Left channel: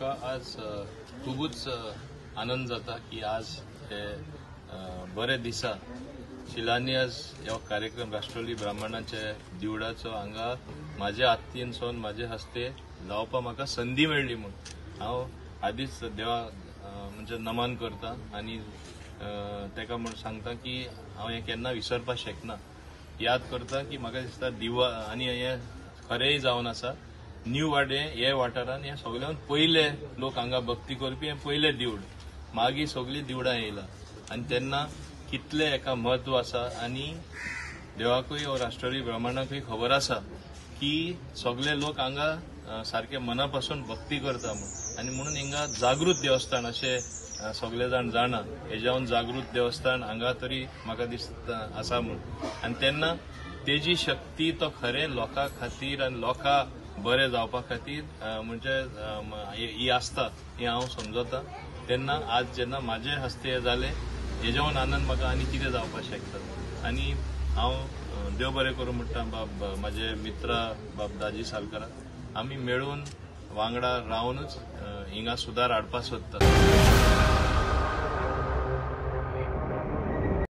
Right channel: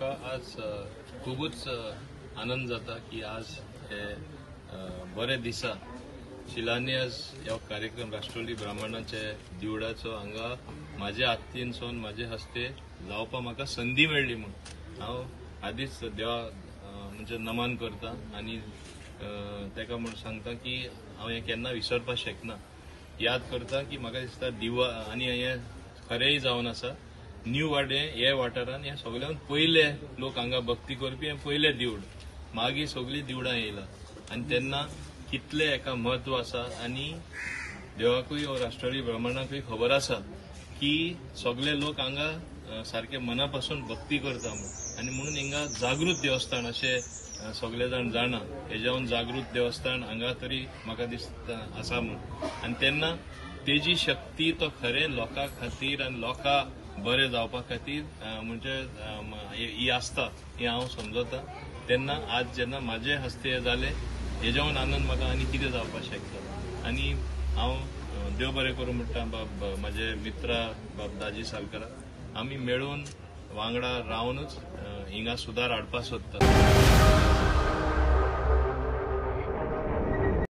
म्हाका आज खूबच आनंद जाता की आज हे बरे दिसा शिलान्यास ह्या कार्यक्रम राष्ट्रवादी ब्राह्मणाचे देवळाचो हांगा म्हाज्या हातीनसून म्हाजे हस्ते जावपाक म्हाका संधी मेळ्ळी म्हणून हांव आदीच देवा म्हणजे नमन करता आनी तेका म्हण सांगता की हांव हें केन्ना विसरपाक शकना। याद करता की म्हाका दिसता दिवा आनी हें खरेंय जावन आसा। न्यू वाडे हे वाठारांत हे सगळ्यांत पयले लोक हांगा भक्ती करपी हे पयले देवूळ, मागीर सगळीं देवळां येयला आनी तेन्ना कितले हेका म्हत्व आसा आनी देवाकूय वा राष्ट्रवादी ब्राह्मणाकूय खबर आसा की सगळे लोक हांगा सारखे मना पासून भक्ती करता म्हणून आनी म्हणून हिंगा जागृत देवस्थान अशें सगळे जाण जाणा। हेज्याहून जागृत देवस्थान हांगा तरी म्हाका दिसता आसा म्हणून आनी तेन्ना तेजी शक्ती तो खरें लोकां खातीर आनी लोकां बरें जावपा खातीर म्हणजे ही आसता ही हांव समजता। तेन्ना आज जेन्ना म्हाजे हस्ते हे जाले हेज्याहून आनंद म्हाका आनी कितें जावपाक शकता। आनी हांव देव बरें करूं म्हणटा बाब म्हाजे मित्र बाब दाजी सालकारा आमी मेळून वांगडा रावनूच हिंगा सुदार हाडपाक सोदता।